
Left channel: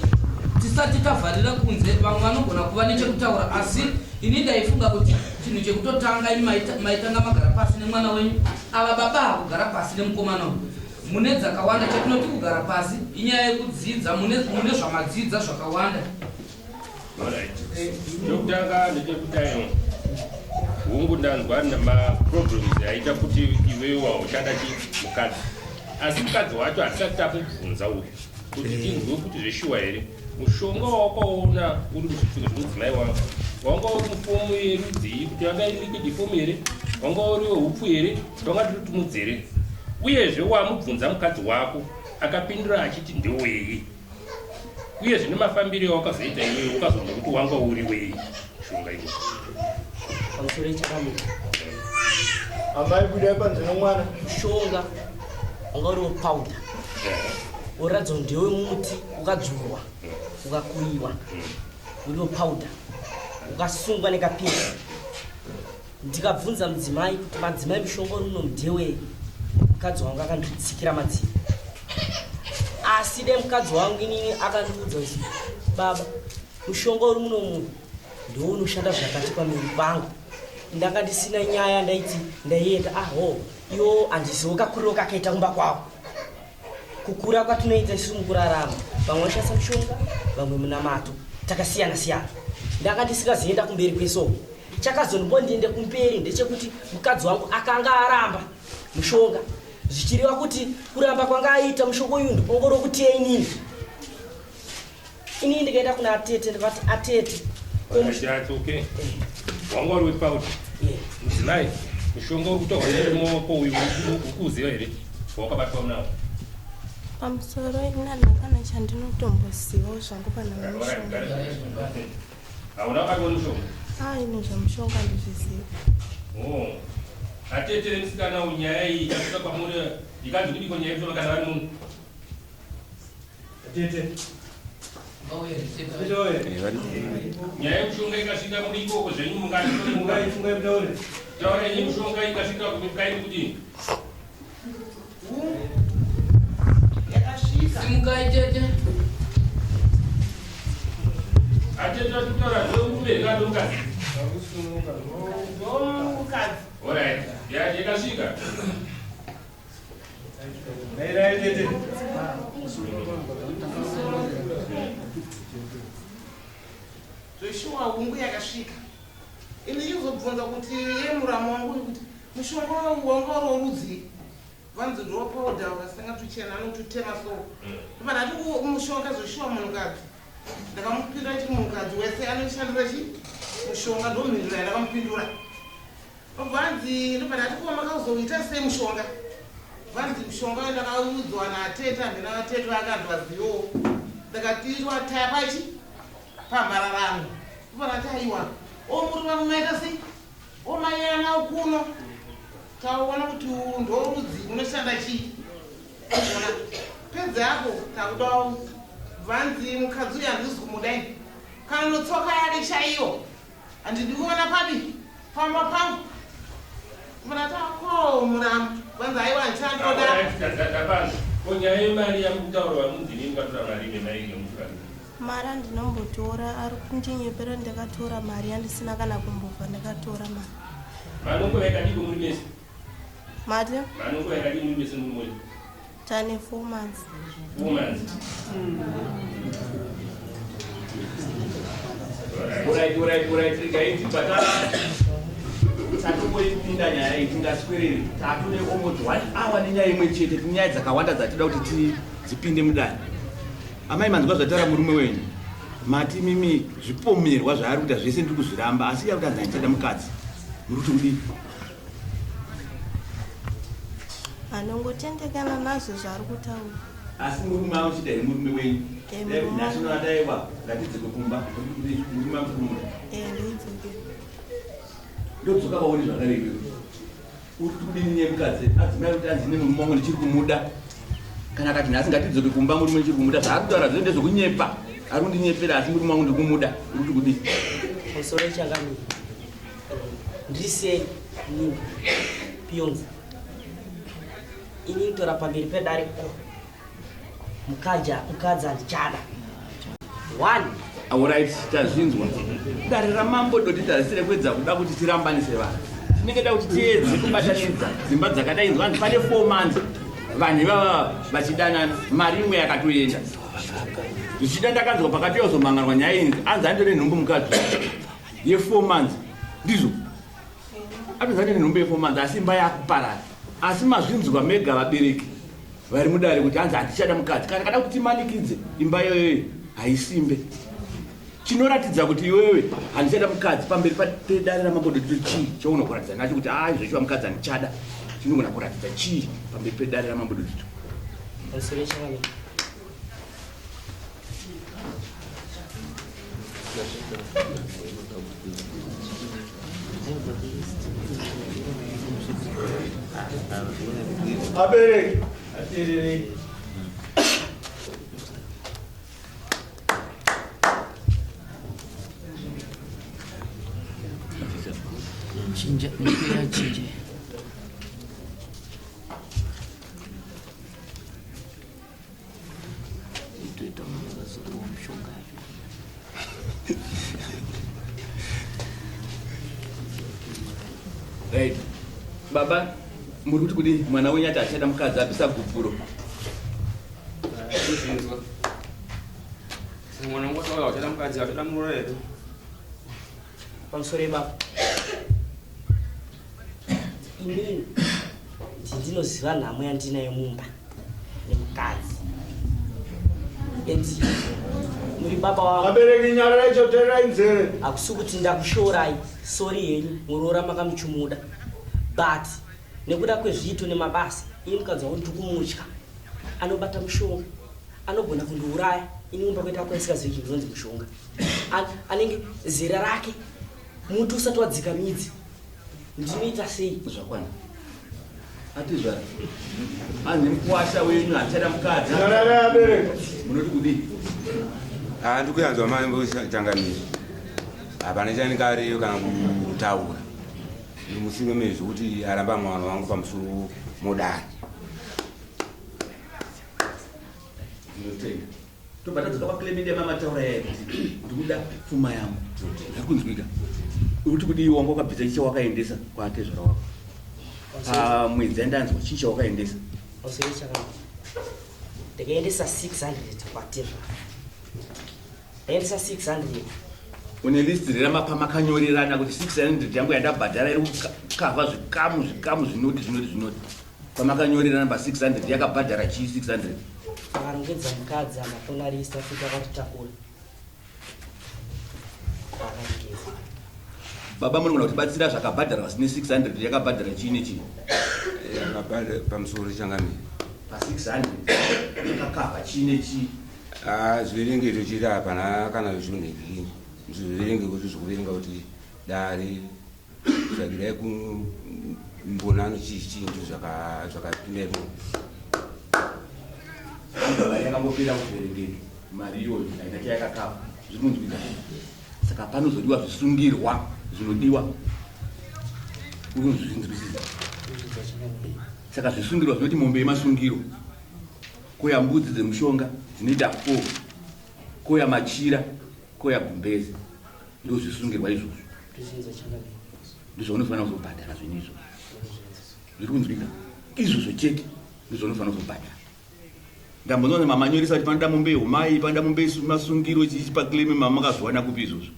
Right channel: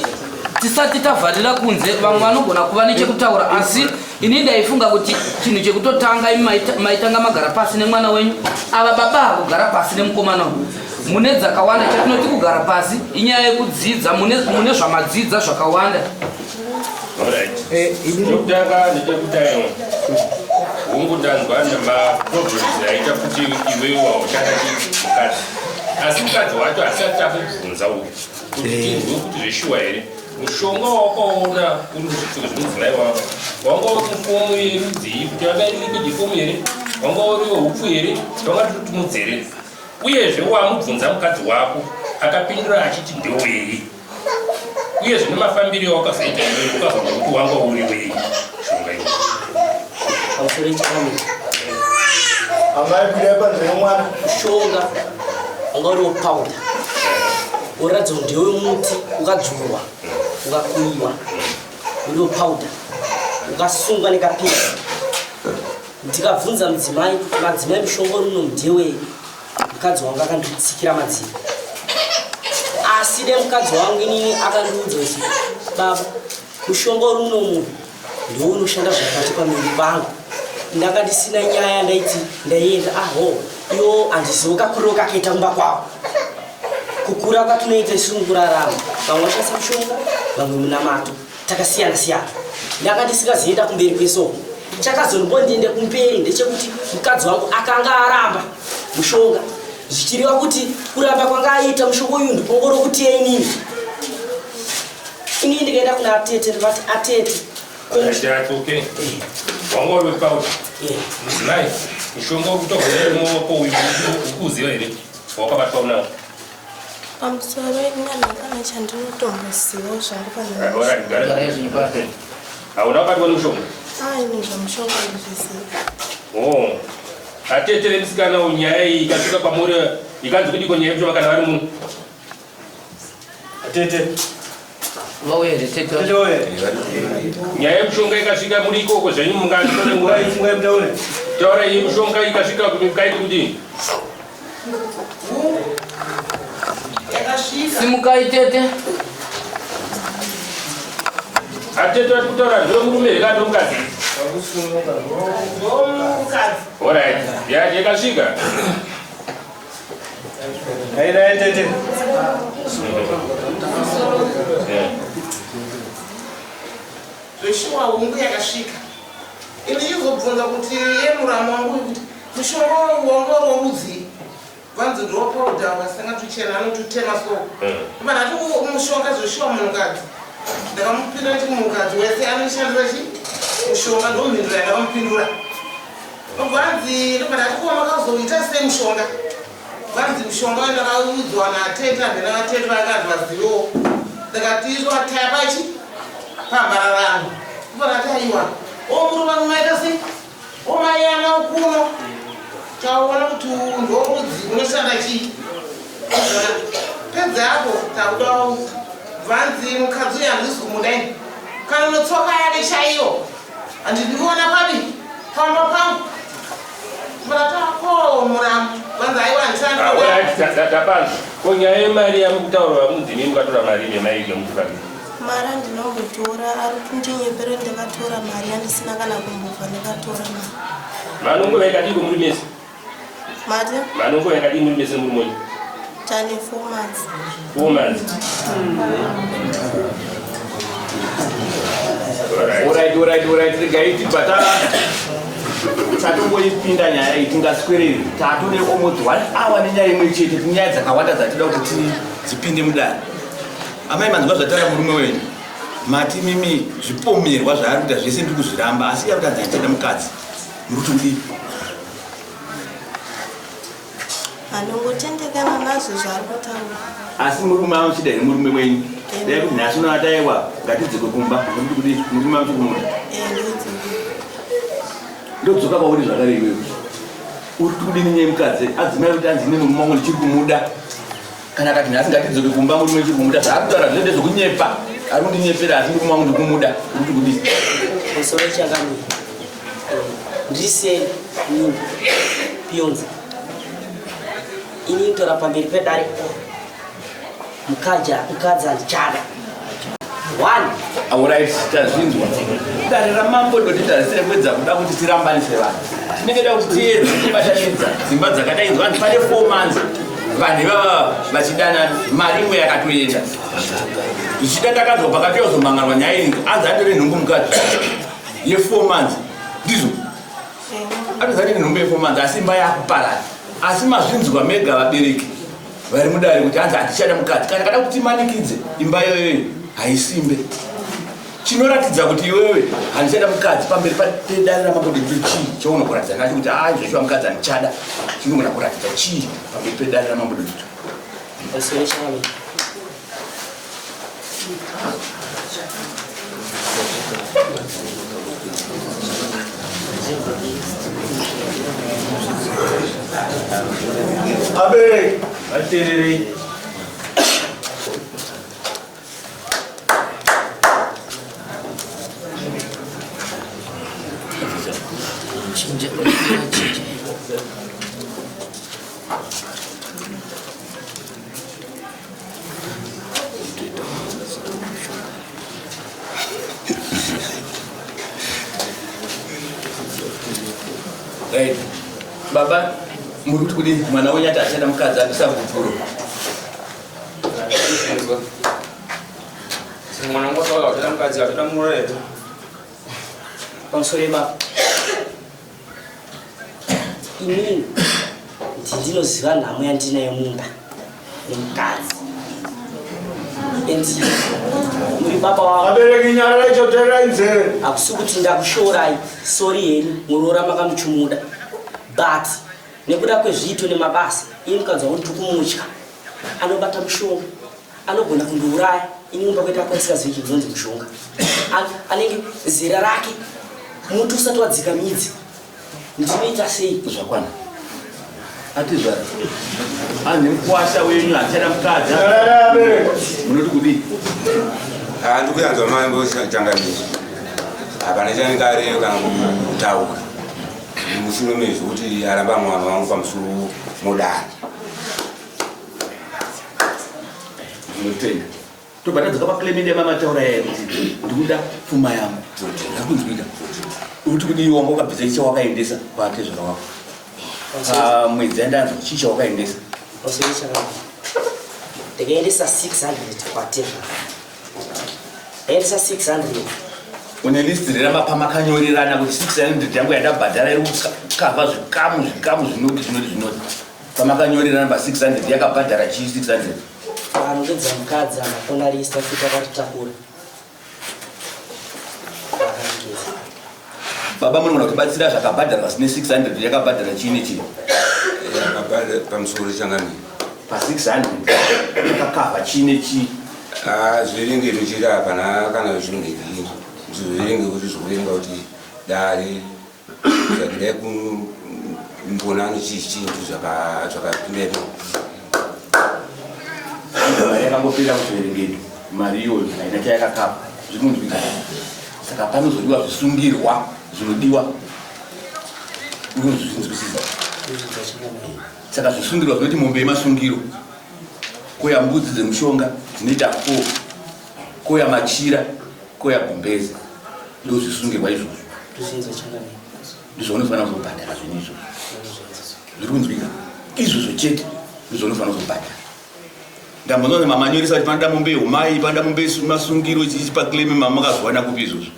tisati tavharira kunze vamwe vanogona kuva nechekutaura asi ini ndaifunga kuti chinhu chekutotanga maitanga magara pasi nemwana wenyu ava baba kugara pasi nemukomana wenyu mune dzakawanda chatinoti kugara pasi inyaya yekudzidza mune zvamadzidza zvakawanda hongu ndanzwa nemaproblems aita kuti iwewo waushanda mukadzi asi mukadzi wacho asati takubvunza uyu kuti tinzwe kuti zveshuwa here mushonga wawakaona uri kuzvipfeko zvemudzimai wako wanga uri mufomu yerudzii kuti vakailikwidi fomu here wanga uri weupu here vanga totutumudzwa here uyezve wamubvunza mukadzi wako akapindura achiti ndewei uyezve nemafambiro wakazoita iwewe ukazonga kuti wanga uri wei shonga iwe pamusoro chakamira amai kudepa zvinomwana mushonga wanga uriwo powder uratidza kuti ndewe muti ukadzurwa ukakuyiwa uriwo powder ukasungwa nekapinda ndikabvunza mudzimai kuti madzimai mushonga uri uno ndewei mukadzi wangu akanditsikira matsiko asi de mukadzi wangu inini akandiudza kuti baba mushonga uri uno munhu ndiwo unoshanda zvakati pamiri pangu ndanga ndisina nyaya ndaiti ndaienda aho iwo handizivo kakuriro kakaita kumba kwavo kukura kwatinoita isiri mukurarama vamwe vashandisa mushonga vamwe munamato takasiyana siyana ndanga ndisingazoenda kumberi kwesoko chakazombondiende kumberi ndechekuti mukadzi wangu akanga aramba mushonga zvichireva kuti kuramba kwanga aita mushonga uyu ndipongoro kuti inini ndikaenda kuna atete ndikati atete atoke wanga uri wepauda mudzimai mushonga uri kutohonere mumaoko uyu ukuuziva here wakabatwa unawo pamusoro inyanakana chandinotombozivawo zvangu hauna wabatwa nemushonga aini zvamushonga ndizviziva atete vemusikana nyaya iyi ikasvika kwamuri ikanzi kudiko nyaya yekushoma kana vari muno atete vauere tete nyaya yekushonga ikasvika muri ikoko zvenyu mungatore iyi mushonga ikasvika kaidi kudini simukai tete atete vari kutaura zvemurume here mukadzi orit yakasvika airatete zveshuwa hungu yakasvika ini chizobvunza kuti yemuramu wangu kuti mushonga wanga rorudzii vanzi ndopauda vasingatuchena anotutema soko vanati mushonga zveshuwa munhukadzi ndakamupindura kuti munhukadzi wese anoshandisa chi mushonga ndomhindura yandakamupindura vanzi vanati kuva makazoita semushonga vanzi mushonga wandakaudzwa naatete handina vatete vakanzi vazivewo ndakatiizwa tayapachi pambararano vanati aiwa omuri vangu maita sei omayana ukuno taona kuti ndorudzi unoshanda chii pedza yapo takuda vanzi mukadzi uyu handisi kumudaini kana unotsoka yake chaiyo handindiona pabi pamba pangu vanatako muramu vanzi aiwa handishandaapanza ko nyaya yemari yamukutaura vamudzini mukatora mari nemai nemutukadi mari andinombotora ari kundinyeperera ndakatora mari handisina kana kumbobva ndakatora mari manongo vaikadiko muri mese mati manongo vaikadii muri mese muri monyi tane 4 months 4 months Alright, regaiti bata tatomboipinda nyaya iyi tingaswiriri tatore omodzi 1 hour nenyaya imwe chete tinyaya dzakawanda dzatida kuti dzipinde mudare amai manzwa zvataura murume wenyu mati mimi zvipomerwa zvaari kuita zvese ndiri kuzviramba asi yakuti adzaitada mukadzi muri kuti kudii anongotendekana nazvo zvaari kutaura asi murume anochida here murume wenyu dai kuti nhasi unoataiwa ngatidzike kumba nokuti kudii murume anochikumuda ndodzoka pauri zvakare iwewe uri kudini nyaya mukadzi adzimai kuti anzine nomume wangu ndichiri kumuda kana akati nhasi ngatidzoke kumba murume uchiri kumuda zvaari kutaura zvinoite zvekunyepa ari kundinyepera asi murume wangu ndikumuda uri kuti kudii musoro changamira ndiseni nyumba pionza ini ntora pamberi pedare mukadzi andichada 1 Alright, tazvinzwa dare ramambo doti tarisire kwedza kuda kuti tirambanise vanhu tinenge da kuti tiyedze tibatanidza dzimba dzakadainzwa kuti pane 4 months vanhu ivava vachidana mari imwe yakatoenda zvichida ndakanzwa pakati yozomangarwa nyaya iyi anzi andore nhungu mukadzi ye 4 months ndizvo atozati ndombe fomanzi asi imba yakuparara asi mazvinzwa mega vabereki vari mudare kuti hanzi hatichada mukadzi kana kada kuti manikidze imba yoyoyo haisimbe chinoratidza kuti iwewe handichada mukadzi pamberi pedare ramabodeti chii chaunokuratidza nacho kuti zveshuwa mukadzi handichada chinogona kuratidza chii pamberi pedare ramabodeti Abe, atiriri. Chinja. Right. Baba, muri kuti mwana wenyu ati achada mukadzi apisa kuvhuro. Mwana wangu ataura achada mukadzi apisa murero. Pamusoro baba. Inini ndinoziva nhamo yandinayo mumba nemukadzi. Endi muri baba wavo. Abereki nyara icho tera inzere. Akusi kuti ndakushorai, sorry henyu, munoora makamuchumuda. But nekuda kwezviito nemabasa, ini mukadzi wangu ndikumutya. Anobata mushonga, anogona kundiuraya, ini mumba kwedu akwaisikazivi chibvunzi mushonga. Anenge zera rake, muti usati wadzika midzi. Ndinoita sei? Zvakwana. Atizvara. Ane mukwasha wenyu achada mukadzi. Nyara abereki. Munoti kudii? Ndikuyanzwa mambo changamisi. Hapana chanikare kana kutauka. Mushure mezvekuti aramba mwana wangu pamusoro modari. Ndinotenda. Tobatadzika paClemende mamataura yeye kuti ndikuda pfuma yangu. Ndakunzwika. Uri kuti iwe wanga wakabvisa chicha wakaendesa kwatezvara wako. Mwedzi yandanzwa chicha wakaendesa. Ndakaendesa 600 kwatezvara. Endesa 600. Une list ramapamakanyolirana kuti 600 yangu yandabhadhara iri kukava zvikamu zvinoti. Pamakanyolirana pa 600 yakabhadhara chii 600. Vanongedza mukadzi amakona lista futi akatitakura. Baba munogona kutibatsira zvakabhadharwa zvine 600 yakabhadhara chii nechii? Yakabhadhara pamusoro changamira. Pa 600 yakakava chii nechii? Zviringe tochiti hapana kana zvinenge zviri. Zviringe kuti zvikurenga kuti dare zvakidai kumbonano chii chintu zvakapindepo. Yakangopinda kuzviverengedo mari iyoyo haina chayakakapa zvikunzwika. Saka panozodiwa zvisungirwa zvinodiwa. Ukunzwisisa. Saka zvisungirwa zvinoti mombe yemasungiro. Koya mbudzi dzemushonga dzinoita 4. Koya machira, koya gumbeze. Ndo zvisungirwa izvozvo. Ndizvo unofanira kuzobhadhara zvinhu izvozvo. Zviri kunzwika. Izvozvo chete ndizvo unofanira kuzobhadhara. Ndambonona mamanyorisa kuti panoda mombe yehumai, panoda mombe yemasungiro chichipaCleme mama makazwana kupi izvozvo.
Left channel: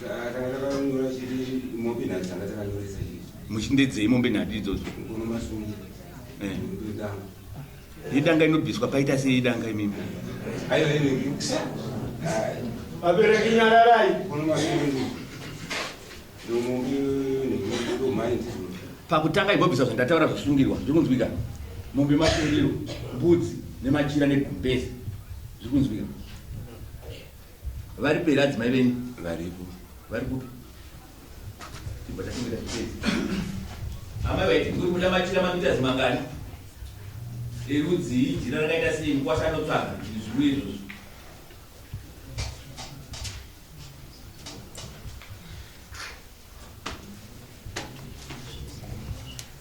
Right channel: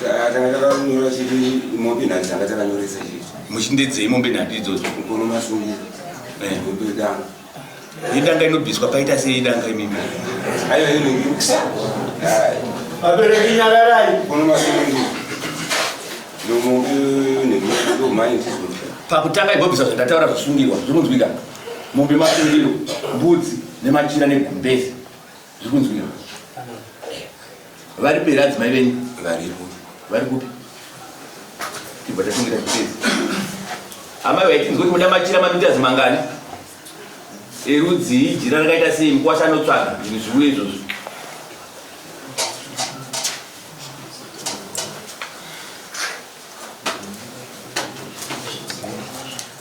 Takanyora chiti mombe nhati dzanga takanyoresa chiti. Muchindedzei mombe nhati idzodzo? Kono masungiro. Mombe danga. Idanga inobviswa paita sei idanga imimi? Aiwa inenge. Abereki nyara rai. Kono masungiro. Mombe nehumai ndizvo. Pakutanga ibobvisa zvandataura zvisungirwa zvikunzwika. Mombe masungiro, mbudzi nemachira negumbezi zvikunzwika. Vari pera adzimai venyu? Varipo. Vari kupi? Tibva tasungira chipedzi. Amai vaitinzwa kuti muda machira mamita zimangani? Erudzi jira rakaita sei mukwasha anotsvaga zvinhu zviwe izvozvo.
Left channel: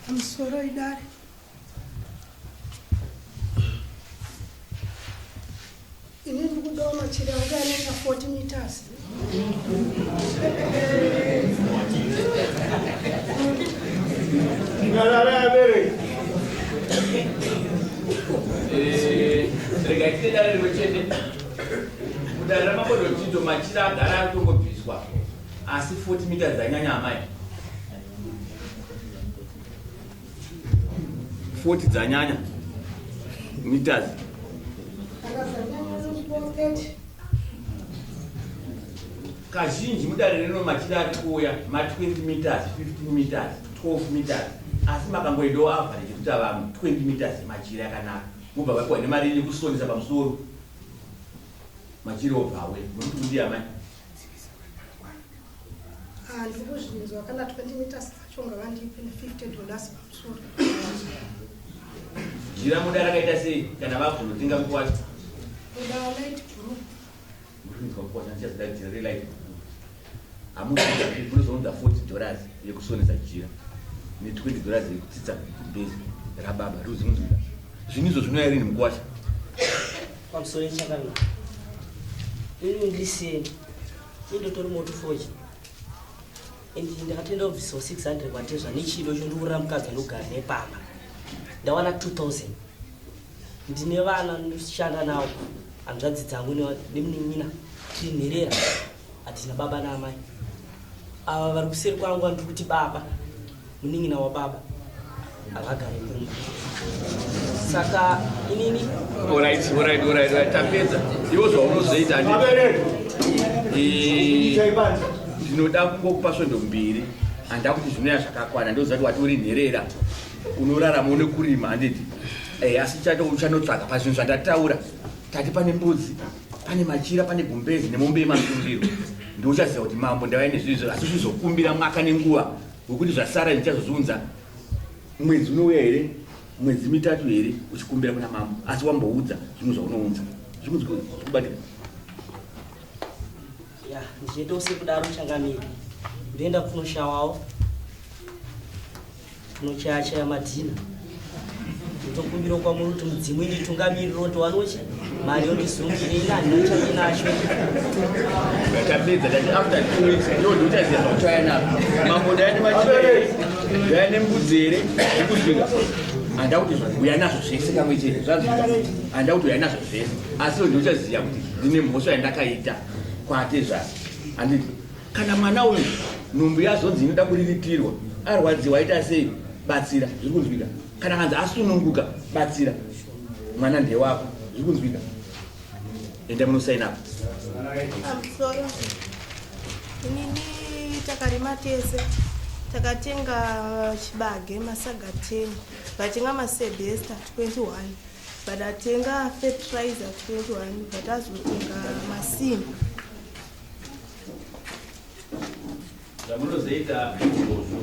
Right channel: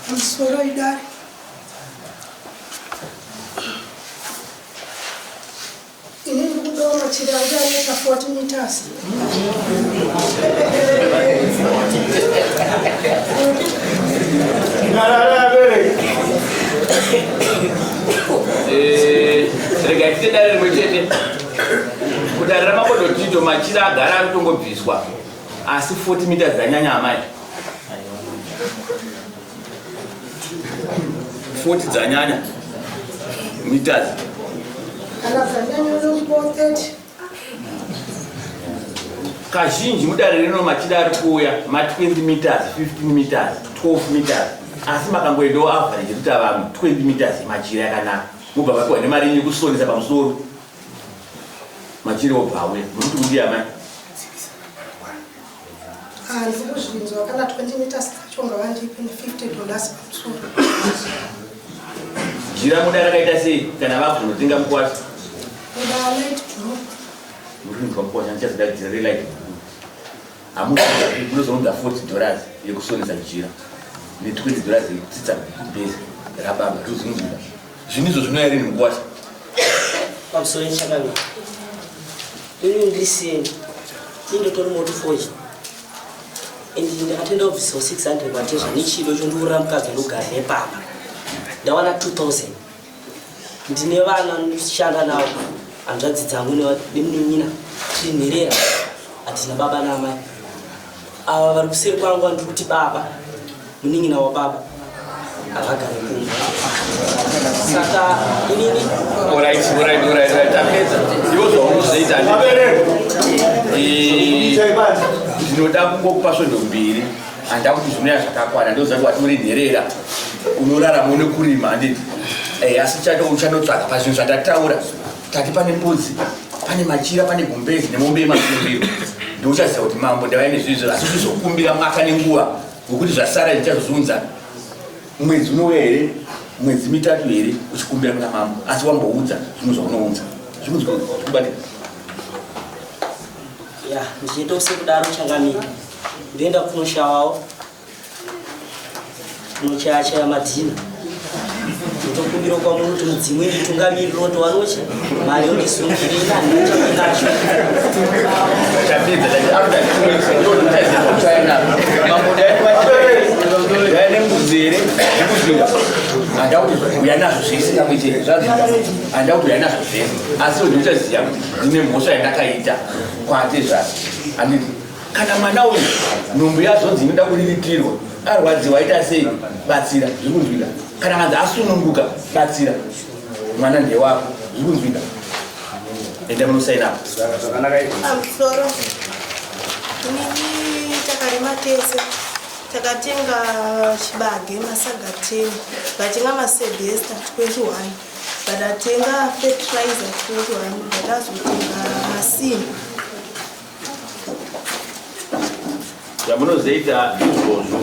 Musoro idare. Ini ndikudawo machira anga aneka 40 meters. Nyara abereki. Rega ite dare rimwe chete. Kudare ramabodotito machira agara ari kutongobviswa. Asi 40 meters dzanyanya amai. 40 dzanyanya meters. Kazhinji mudare rino machida ari kuuya ma 20 meters, 15 meters, 12 meters. Asi makangoendawo average kuti vamwe 20 meters machira yakanaka. Mubva vapiwa nemari yekusonesa pamusoro. Machira obva auya. Muruti mudiya mai. Ndikuzvinzwa kana 20 meters tachonga vandipe $50 pamusoro. Jira muda rakaita sei kana vakunotenga mukwati? Muda light blue. Muri mukwacha nchazoda jira re light blue. Amuka kunozonza $40 yekusonesa jira. Ne $20 yekutsitsa base rababa ruzunguka. Zvinizo zvinoyari mukwati. Pamusoro nchakanga. Ini ndisini. Indotori moto forge. Ndakatenda obvisa 600 matezha nechido chondura mukadzi ndogara nepamba. Ndawana 2000. Ndine vana ndishanda nawo. Hanzvadzi dzangu nemunin'ina tinherera. Hatina baba namai. Ava vari kuseri kwangu ndiri kuti baba. Munin'ina wababa. Akagara kumba. Saka inini. Alright. Tapedza. Iwo zvaunozoita ndinoda kungokupa svondo mbiri. Handa kuti zvinoya zvakakwana ndozati wati uri nherera. Unorarama nekurima handiti. Asi chato uchanotsvaga pazvinhu zvandataura. Tati pane mbudzi, pane machira, pane gumbezi nemombe yemasumbiro. Ndochaziva kuti mambo ndava nezvizvo asi zvizokumbira mwaka nenguva ngokuti zvasara ndichazozunza mwedzi unouya here, mwedzi mitatu here uchikumbira kuna mambo. Asi wamboudza zvinhu zvaunoudza. Zvinhu zvikubatika. Ya, ndichiita usekudaro changamira. Ndoenda kunoshawawo. Kunochaya madhina. Ndokumbira kwa muntu mudzimwe nditungamiri roto wanochi. Mari yondisungirira ndinochinacho. Tapedza kuti after 2 weeks ndochaziva kuti aina. Mambo ndaine mbudzi here nekuzvinga. Handa kuti uya nazvo zvisingamuitire handa kuti uya nazvo zvese. Asi ndochaziva kuti ndine mhosva yandakaita kwate zvasi. Handiti kana mwana uyu nhumbu yazonzi inoda kuriritirwa arwadziwa aita sei batsira zvikunzwika. Kana hanzi asununguka batsira mwana ndewako zvikunzwika. Enda munosaina apa. Pamusoro inini takarima tese takatenga chibage masaga 10 vatenga masebesta 21 vadatenga fertilizer 21 vadazotenga masini. Yamunozoita izvozvo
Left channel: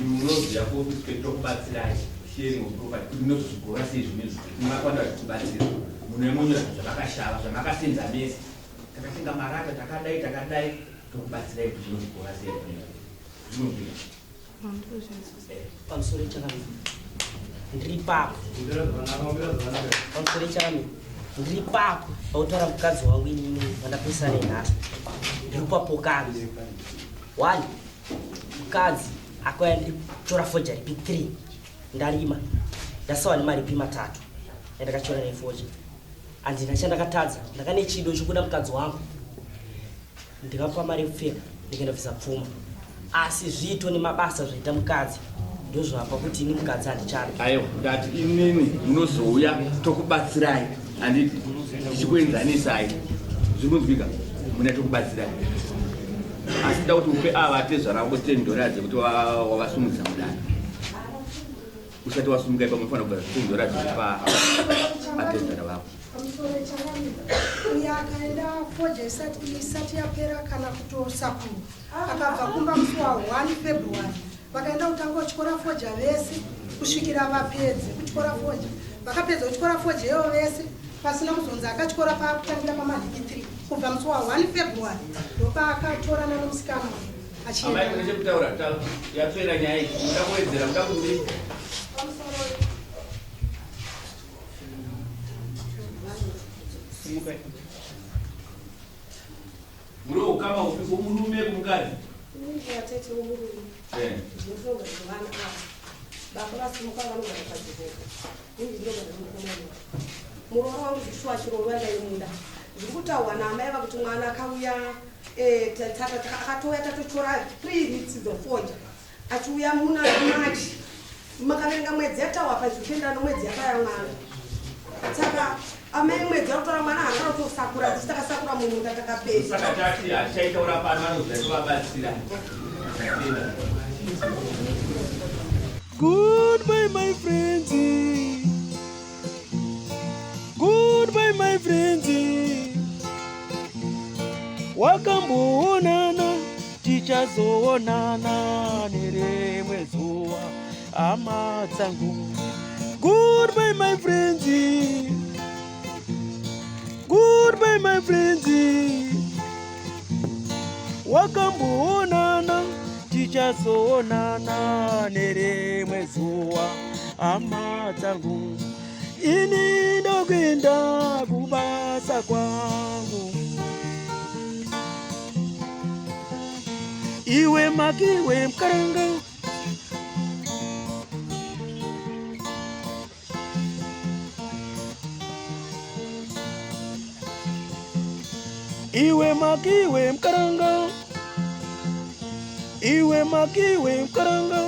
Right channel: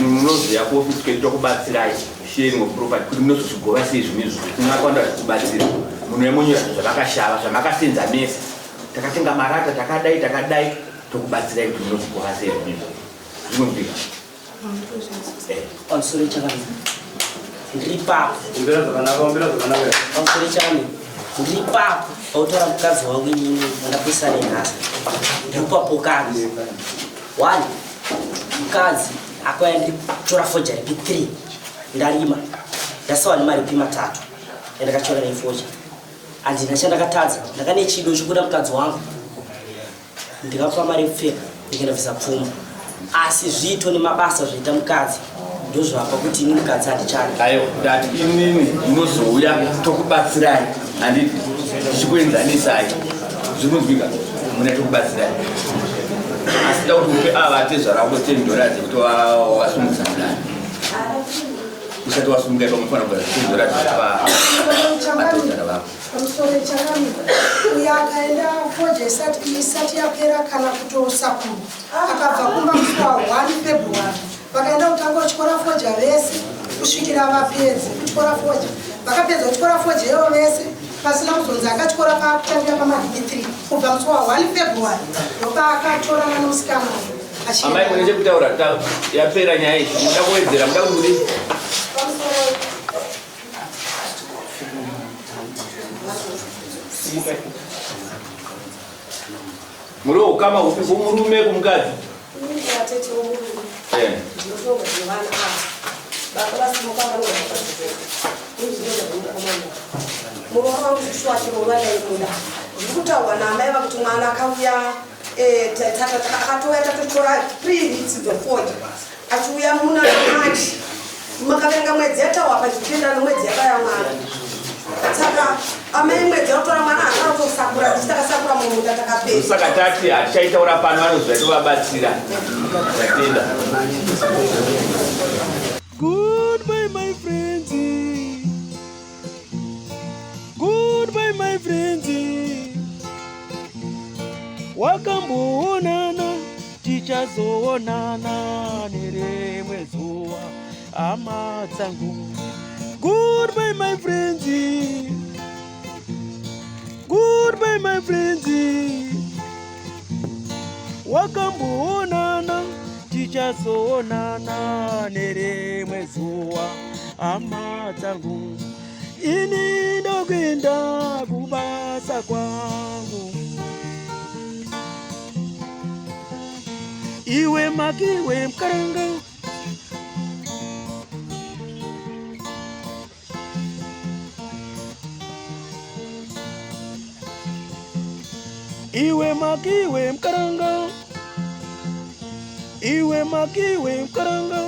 munoziva ko tikuita kubatsirai sharing of property kuti munozozvigova sei zvinezvo munakwanda kubatsira munoemonyera zvavakashava zvamakasenza mese takatenga marata takadai tokubatsirai kuti munozvigova sei zvinezvo zvinozvika. Pamusoro chakamira. Ndiri papo. Pamusoro chakamira. Ndiri papo. Pautora mukadzi wangu inini vandapisa nenhasi. Ndiri papokani. 1. Mukadzi akauya ndichora foja ripi 3. Ndarima. Ndasawa nemari ripi 3. Ndakachora nefoja. Handina chandakatadza. Ndakane chido chokuda mukadzi wangu. Ndikapa mari yekupfeka. Ndikaenda bvisa pfuma. Asi zvito nemabasa zvaita mukadzi ndozvapa kuti ini mukadzi handichadi. Ayo ndati inini ndinozouya tokubatsirai handiti tichikuenzanisai zvikunzwika muna tokubatsirai. Asi da kuti upe ava tezvarako $10 kuti wasumudza mudani. Usati wasumuka ipa unofana kugara $10 patezvara vako. Pamusoro chakamira. Uyo akaenda foja isati yapera kana kutosakuru. Akabva kumba musi wa 1 February. Vakaenda kutanga kuchikora foja vese kusvikira vapedze kuchikora foja. Vakapedza kuchikora foja ivo vese pasina kuzonzi akachikora pakutangira pamadhigi 3 kubva musi wa 1 February. Ndopaakatorana nomusikana. Amai mune chekutaura yapera nyaya iyi muda kuwedzera muda kudii? Muri ukama upi kumurume kumukadzi? Ndikutaura namai vakuti mwana akauya akatoya tatotora 3 weeks before achiuya muna March makavenga mwedzi yatawa pachipinda nomwedzi yakayamwana saka amai mwedzi yautora mwana akarotosakura tichitakasakura mumunda takapedza saka tati achaitaura pano vanozva tovabatsira tatenda. Goodbye my friends, goodbye my friends, wakamboonana tichazoonana nerimwe zuva hama dzangu. Goodbye my friends, goodbye my friends, wakamboonana tichazoonana nerimwe zuva hama dzangu. Ini ndokwenda kubasa kwangu, iwe makiwe mkaranga, iwe makiwe mkaranga, iwe makiwe mkaranga.